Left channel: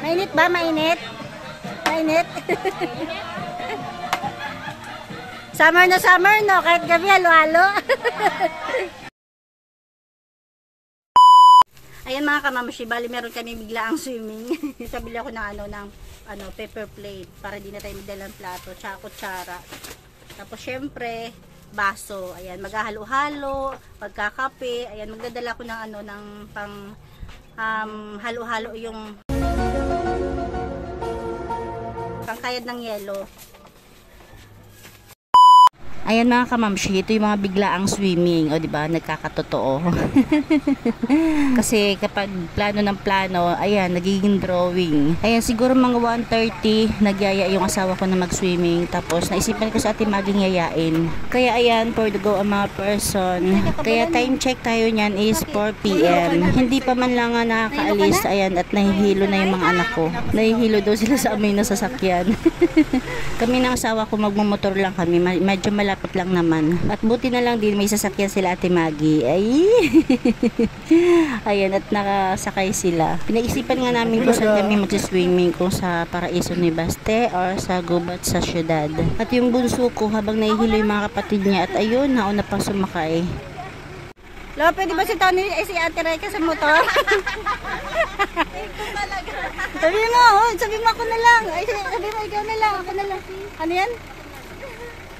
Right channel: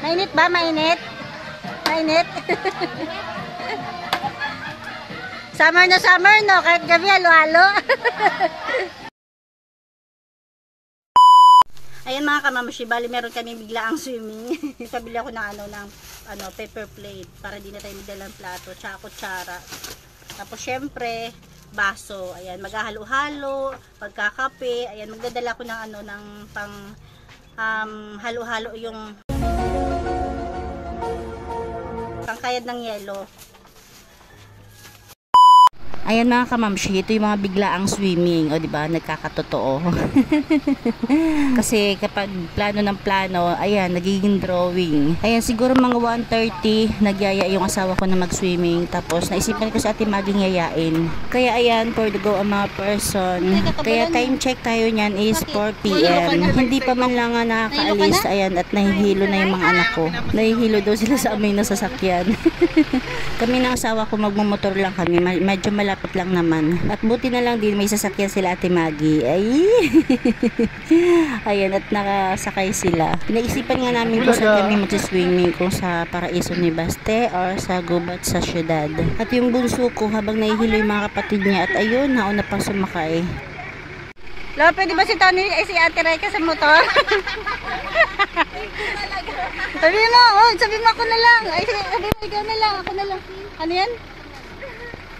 Mainit ba? Mainit? Mainit? Summer na summer, no? Kahit gabi, halo-halo. Ayan mga kamamashi, bali meron kami bigla ang swimming. Sabili ako ng paper plate para di na tayo magdalang plato, tsaka kutsara. Tapos syempre, baso. Ayan, maghahalo-halo, pagkakape. Ayan, magdadala ko ng pang halo-halo yung pangkayad ng yelo. Ayan mga kamamshi, ito yung mga biglaang swimming. O diba, nagkakatotoo. Kasi kapag plano ng plano, ayan, nagiging drawing. Ayan, siguro mga 1:30, nagyaya yung asawa ko na mag-swimming. Tapos naisipan ko sa ating maging yayain. Kaya ayan, for the go ang mga person. Kaya time check tayo niyan is 4 PM. Hindi pa man lang nga nakakaalis. Ayan, at nahihilo na yung mga anak ko. Nahihilo daw sila sa amoy na sasakyan. Kami ng asawa ko magmumotor lang kami. Medyo malapit lang naman. At buti na lang din may sasakyan sila Ate Maggie. Ay! Ayan, at nakasakay sila. Pinag-isipan nga namin kung saan kami mag-swimming, kung sa Paraiso ni Baste or sa Gubat sa syudad. At yung bunso ko habang nahihilo yung mga kapatid niya, at ayun, nauna pang sumakay. Lo, pwede ba si Tony si Ate Reka sa motor? Sabi mo ako na lang. Ay, sabi mo ikaw na lang, ako na lang. Ano yan?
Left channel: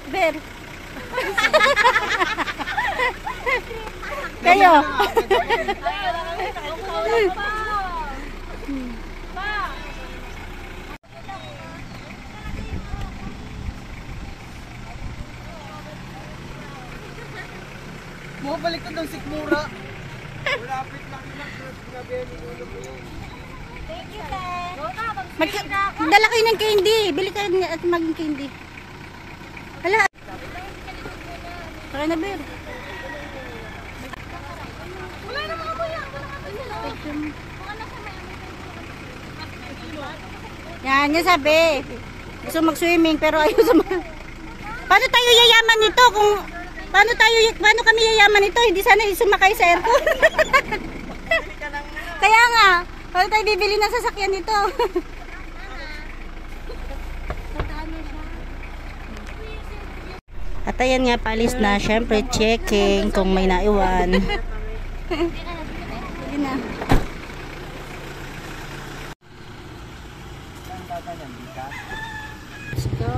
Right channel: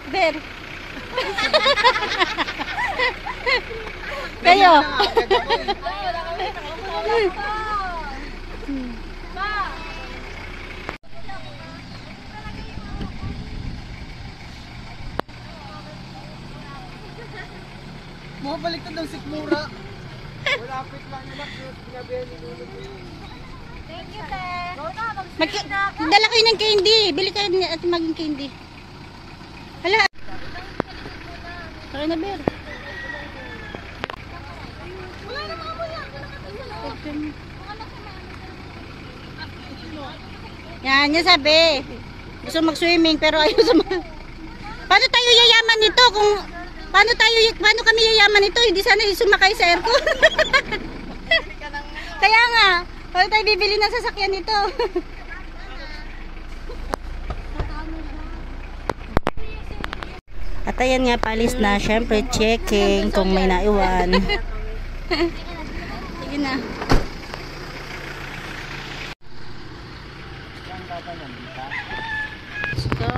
Ber. Kayo. Mabalik ko ng sikmura. Malapit lang nila. Sinabihan ni Lolo ko yun. Thank you, sir. Dala kayo ng candy. Bili kayo at maging candy. Hala. Tara na, Ber. Wala na mga kuya. Yan, yung sabi. Gusto mag-swimming pero ayaw sa Paano tayo yayaman nito kung paano kami yayaman nito? Hindi sana sumakay sa aircon. Kaya nga, paano tayo bibili ng sasakyan nito? At ayan nga, palis na. Syempre, checking kung may naiwan. Sige na. Let's go.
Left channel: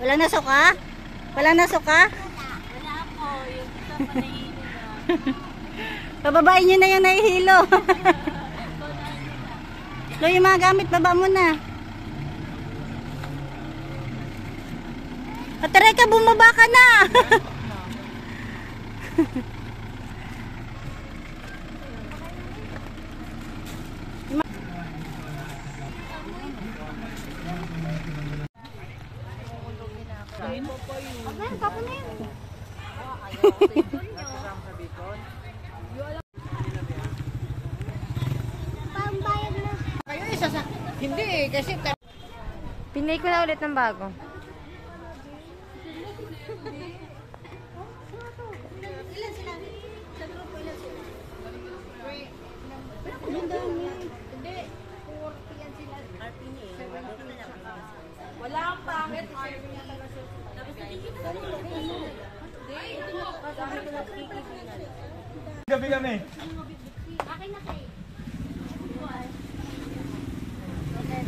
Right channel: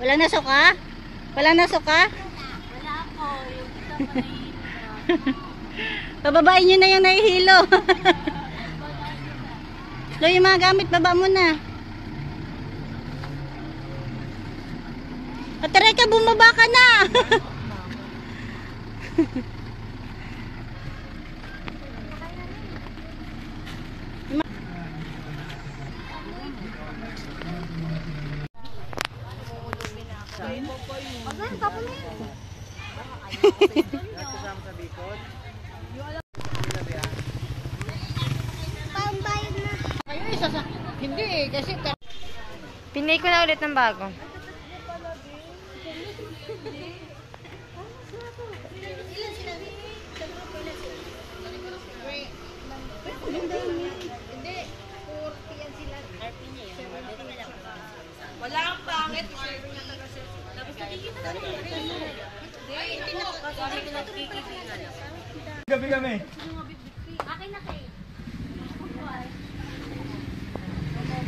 Wala na suka? Wala na suka? Wala ako. Yung isa pa nahihilo. Pababain nyo na yung nahihilo. Lo, yung mga gamit, baba mo na. At Reka, bumaba ka na. Hindi eh, kasi Pinay ko na ulit ng bago. Hindi, 40 yan sila. kami. Akin na kayo.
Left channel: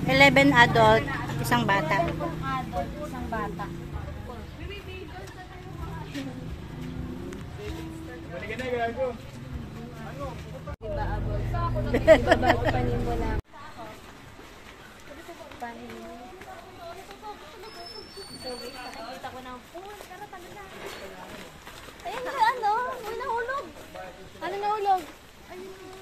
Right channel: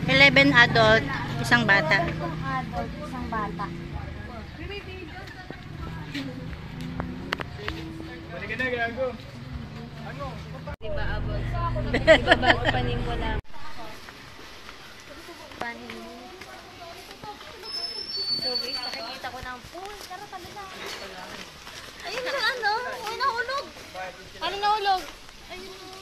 11 adult, isang bata. Isang adult, isang bata. Balik na, gago. Diba, abot? Panin mo lang. Panin mo. So guys, nakikita ko ng pool. Tara, tabi na. Ayun na, ano? Uy, nahulog. Ano nahulog? Ayun, nahulog.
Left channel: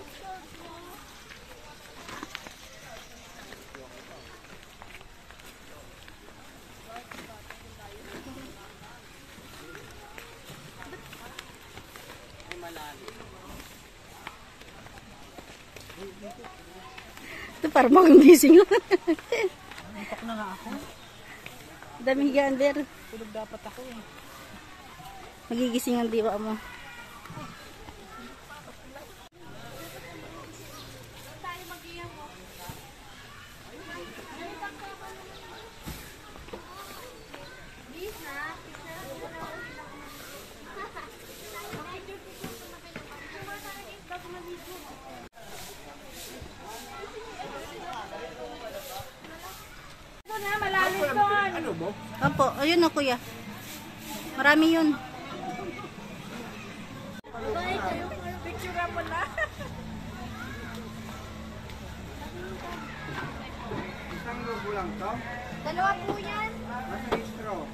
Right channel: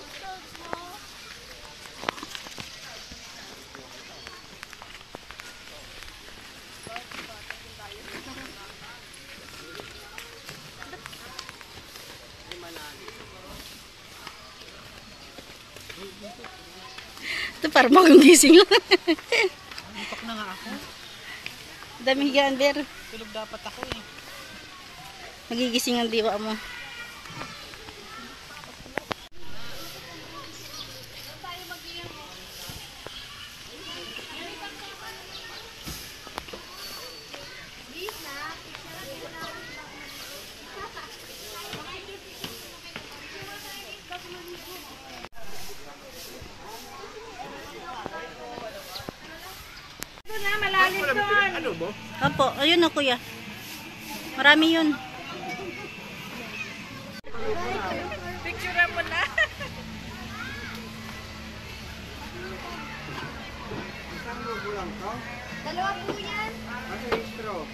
Ito parang bagong gising lang. Dami higaan, Ber. Tulog dapat ako eh. Magigising ang diwa mo. Opo, ayun na kuya. Marami yun. Isang lobo lang to? Dalawa po yan. Nasa straw.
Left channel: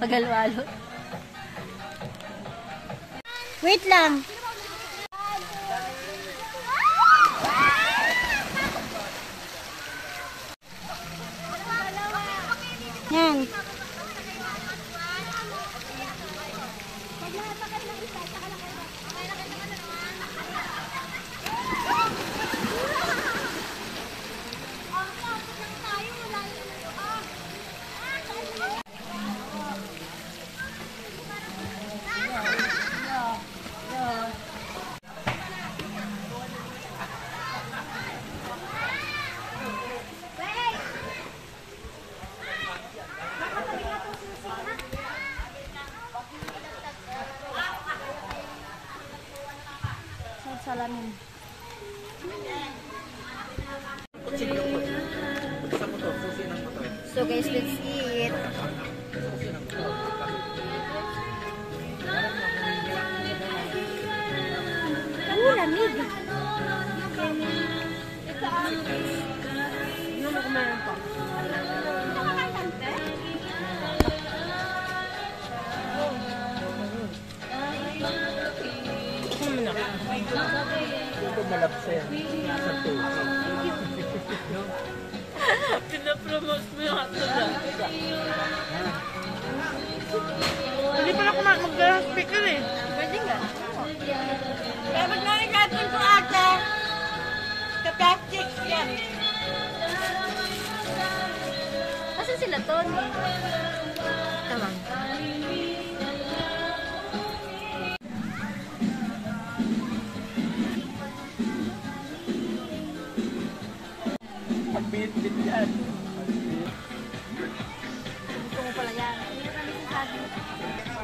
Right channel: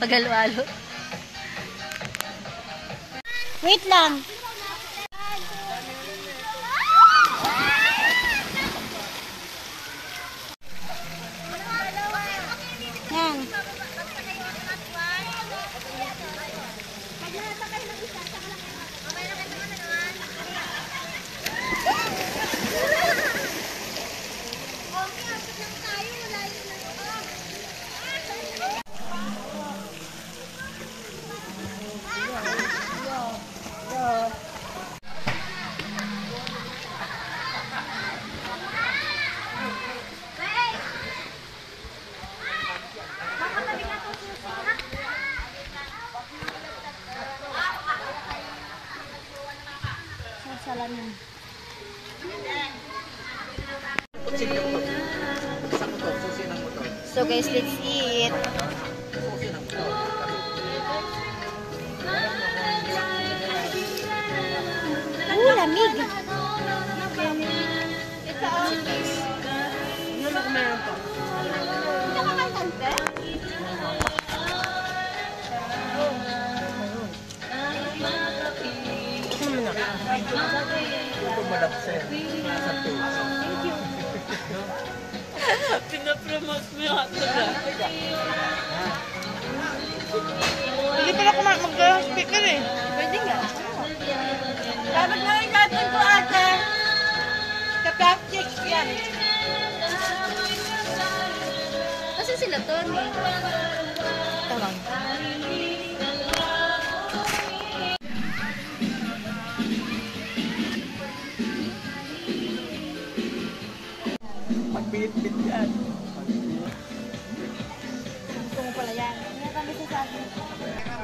Paghalo-halo. Wait lang. Yan. Salamin. So guys, let's eat. Lamig. Ito ang... Ano mo kung meron pa? Nakakantante? Ano mo na? Ito malapsen. Nasa to. Pinapromote mo yung hotdog. Hindi pala ko mag-speaker eh. Pwede nga. Dapat nga yung gaton ko ate. Ka-plastic yan. Kasi sila Tony. Ito lang. Pagpilit-pilit yan. Gusto mo pala yan. Hindi na kami sasabi.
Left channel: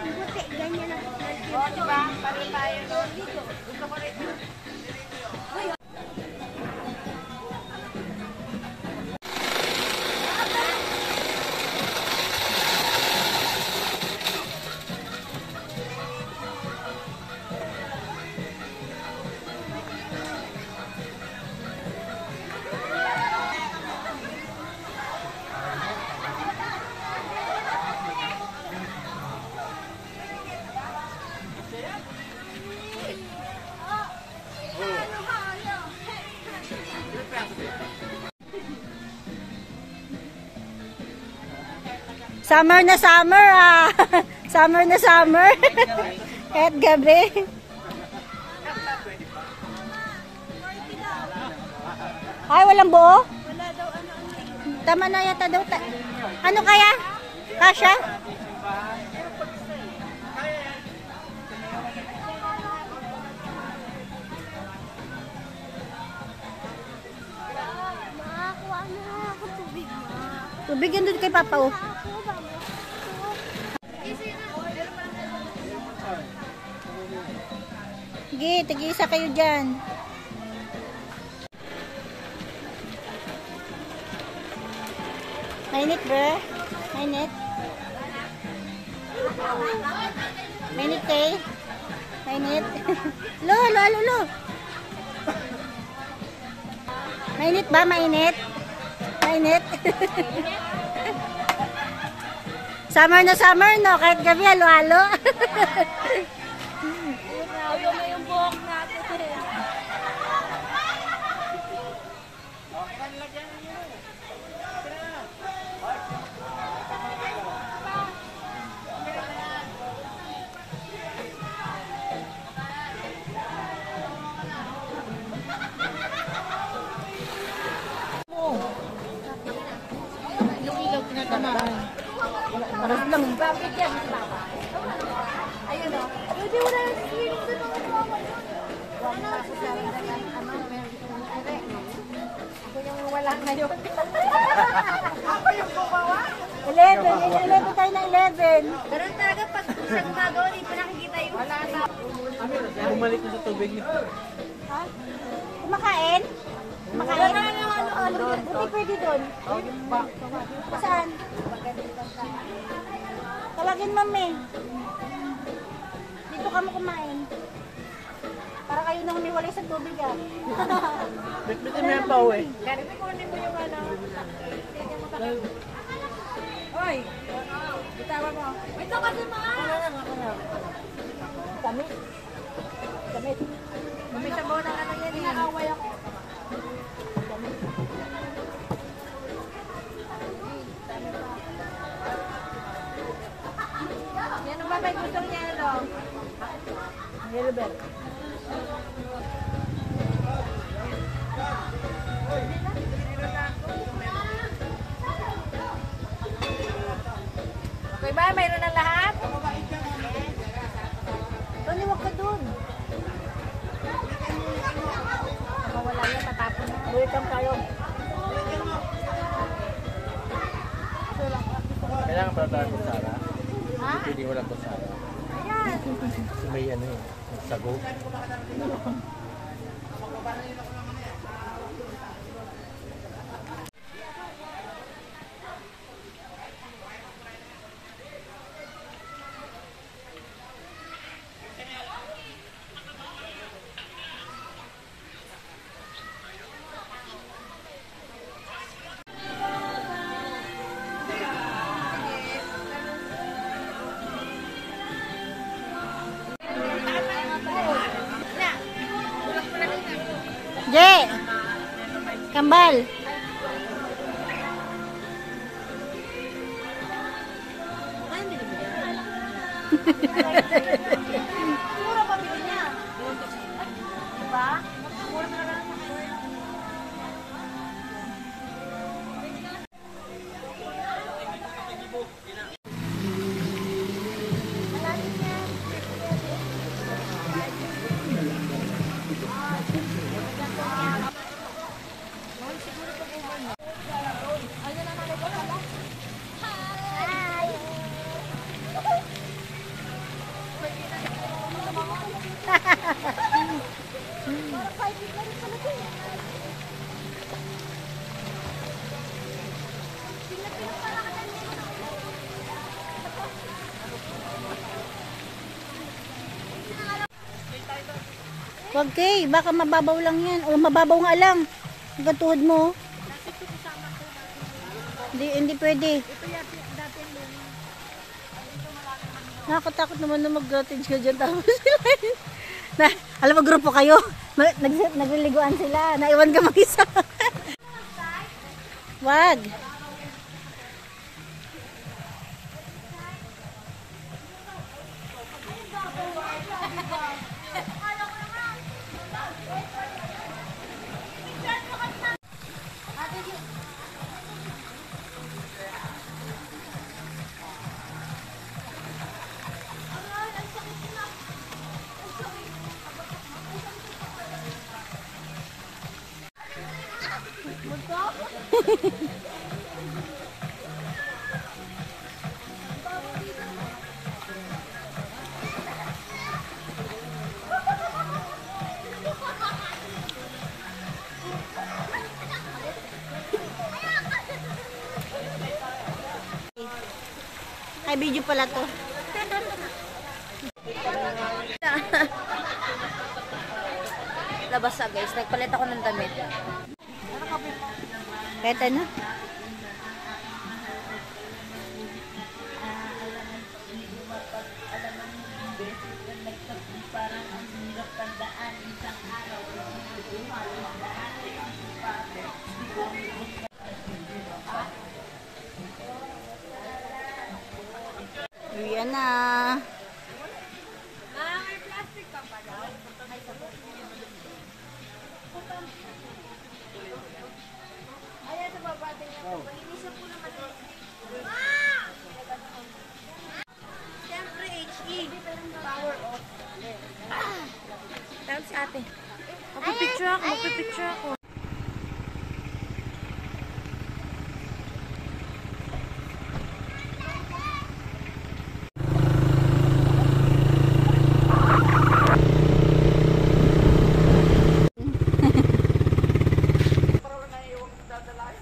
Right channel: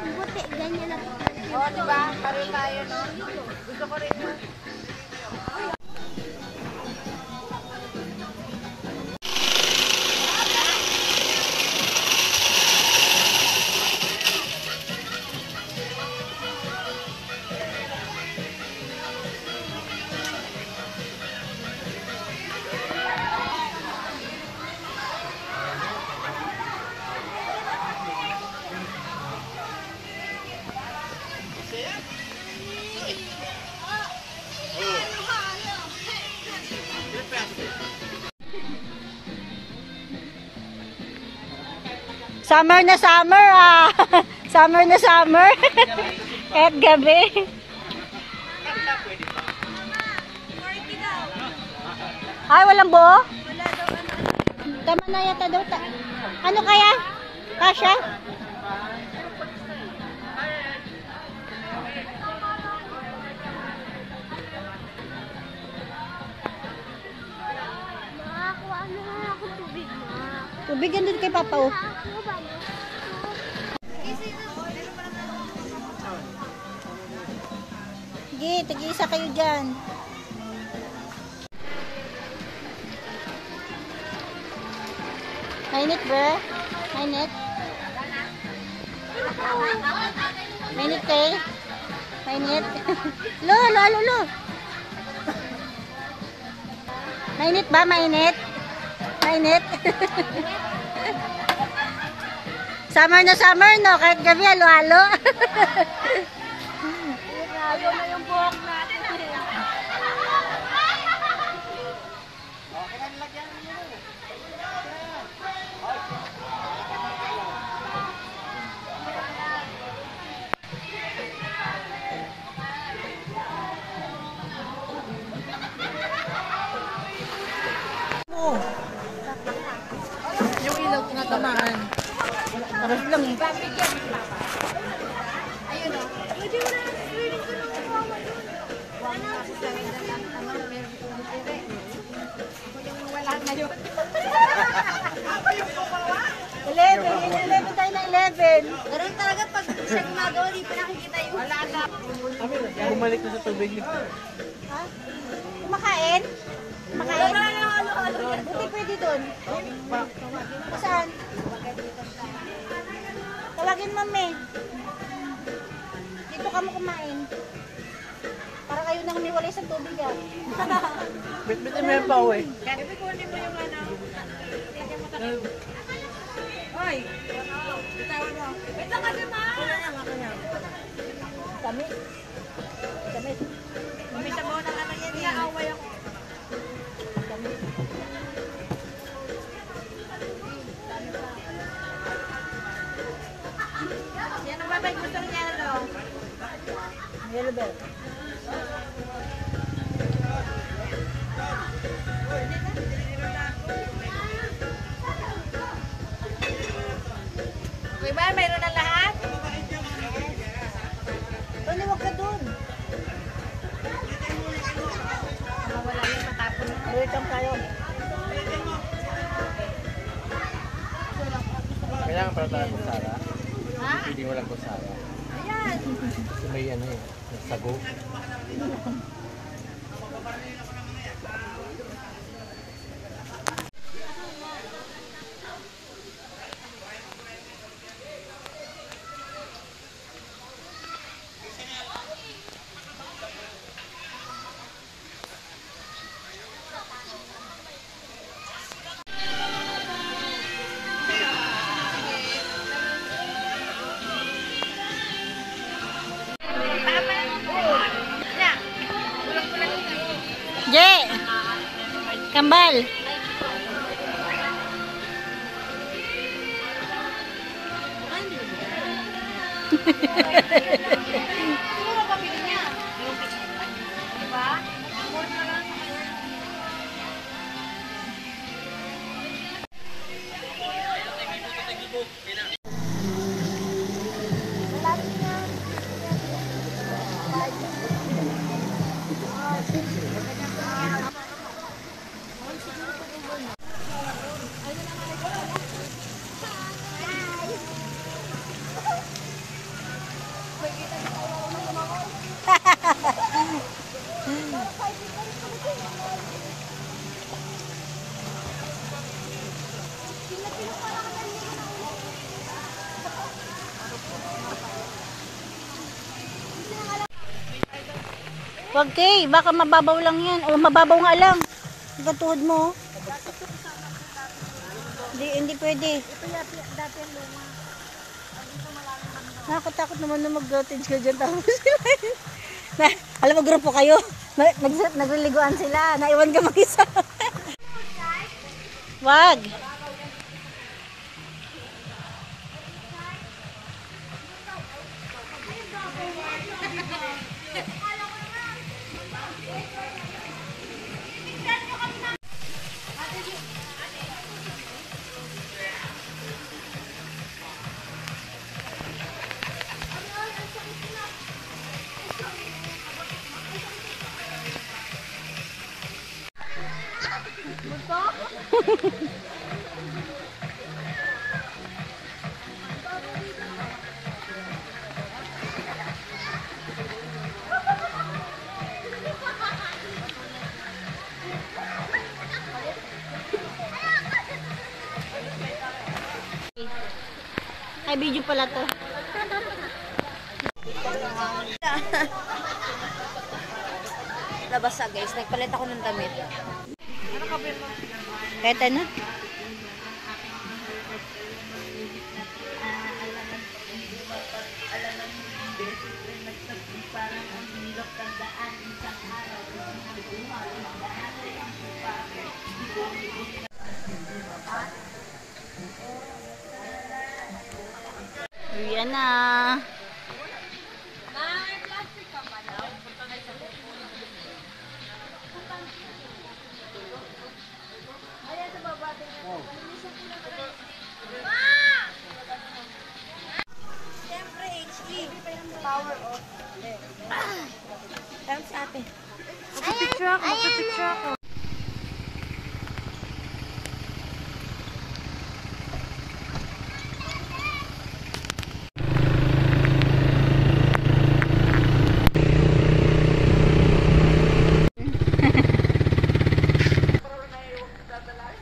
Buti, ganyan na. Oo, diba? Pare tayo, no? Gusto ko rin. Summer na summer ah. Summer na summer. Kahit gabi. Ay, walang buo? Tama na yata daw. Ano kaya? Kasha? Makakuha na ako tubig na. Tubig yan doon kay Papa, oh. Sige, tig-isa kayo dyan. Mainit, bro? Mainit? Mainit kay? Mainit? Lo. Mainit ba? Mainit? Mainit? Summer na summer, no? Kahit gabi, halo-halo. Ayaw na yung buhok natin. Yung ilaw ko na tamaan. Paras lang eh. Babigyan si Papa. Ayun o. Pwede mo na. Huwag na ako sa mere. Ako yung wala ngayon. Ako yung bumawa. 11 tayo na 11. Ganun talaga pag siya gumagawa, di pa nakikita yung wala na. Bumalik ko sa tubig ni. Ha? Kumakain? Kumakain? Buti pwede doon. Saan? Tawagin mami. Dito ka mo kumain. Para kayo nang humiwalay sa tubig ah. Bitbitin mo yung pao eh. Garibi ko hindi mo yung ano. Hoy! Bitawan mo. Ito kasi ma! Kami. Umisa mo ng ano yan eh. Away ako. Yan ang babay gusto niya ano. Yellow bell. Meron na ako. Okay ba? Mayroon na lahat? Tony, wag ka doon. Mawala yan, matapon na. Wait lang tayo. Kailangan pala tayo kutsara. Ha? Hindi walang kutsara. Ayan. Kasi may ano eh. Sago. Je! Kambal! Mura pa bili niya. Diba? Mura pa lang sa color. Wag kay, baka mababaw lang yan. O mababaw nga lang. Hanggang tuhod mo. Oh. Hindi pwede. Nakakatakot naman na mag-cottage ka dyan. Tapos sila. Alam mo, grupo kayo. Nagliliguan sila. Naiwan ka mag-isa. Wag. Ay, video pala to. Labas guys. Nagpalit ako ng damit. Kahit ano? Ayan na. Siyempre, HE. Power off. Dahil sa atin. Magpipicture ako, magpipicture ako.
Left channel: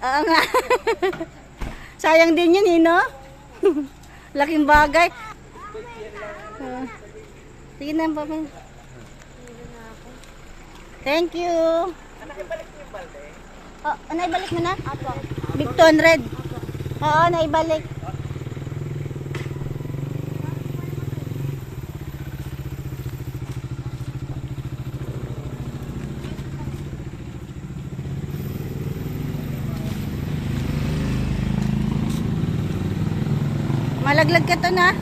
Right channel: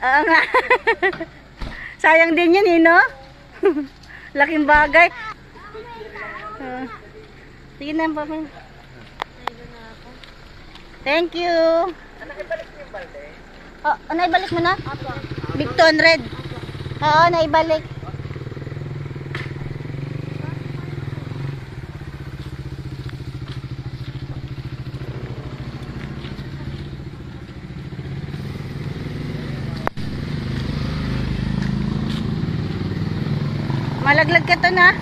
Oo nga. Sayang din yun, no? Laking bagay. Sige na, papa. Thank you. Oh, naibalik mo na? Big 200. Oo, naibalik. Malaglag ka to na.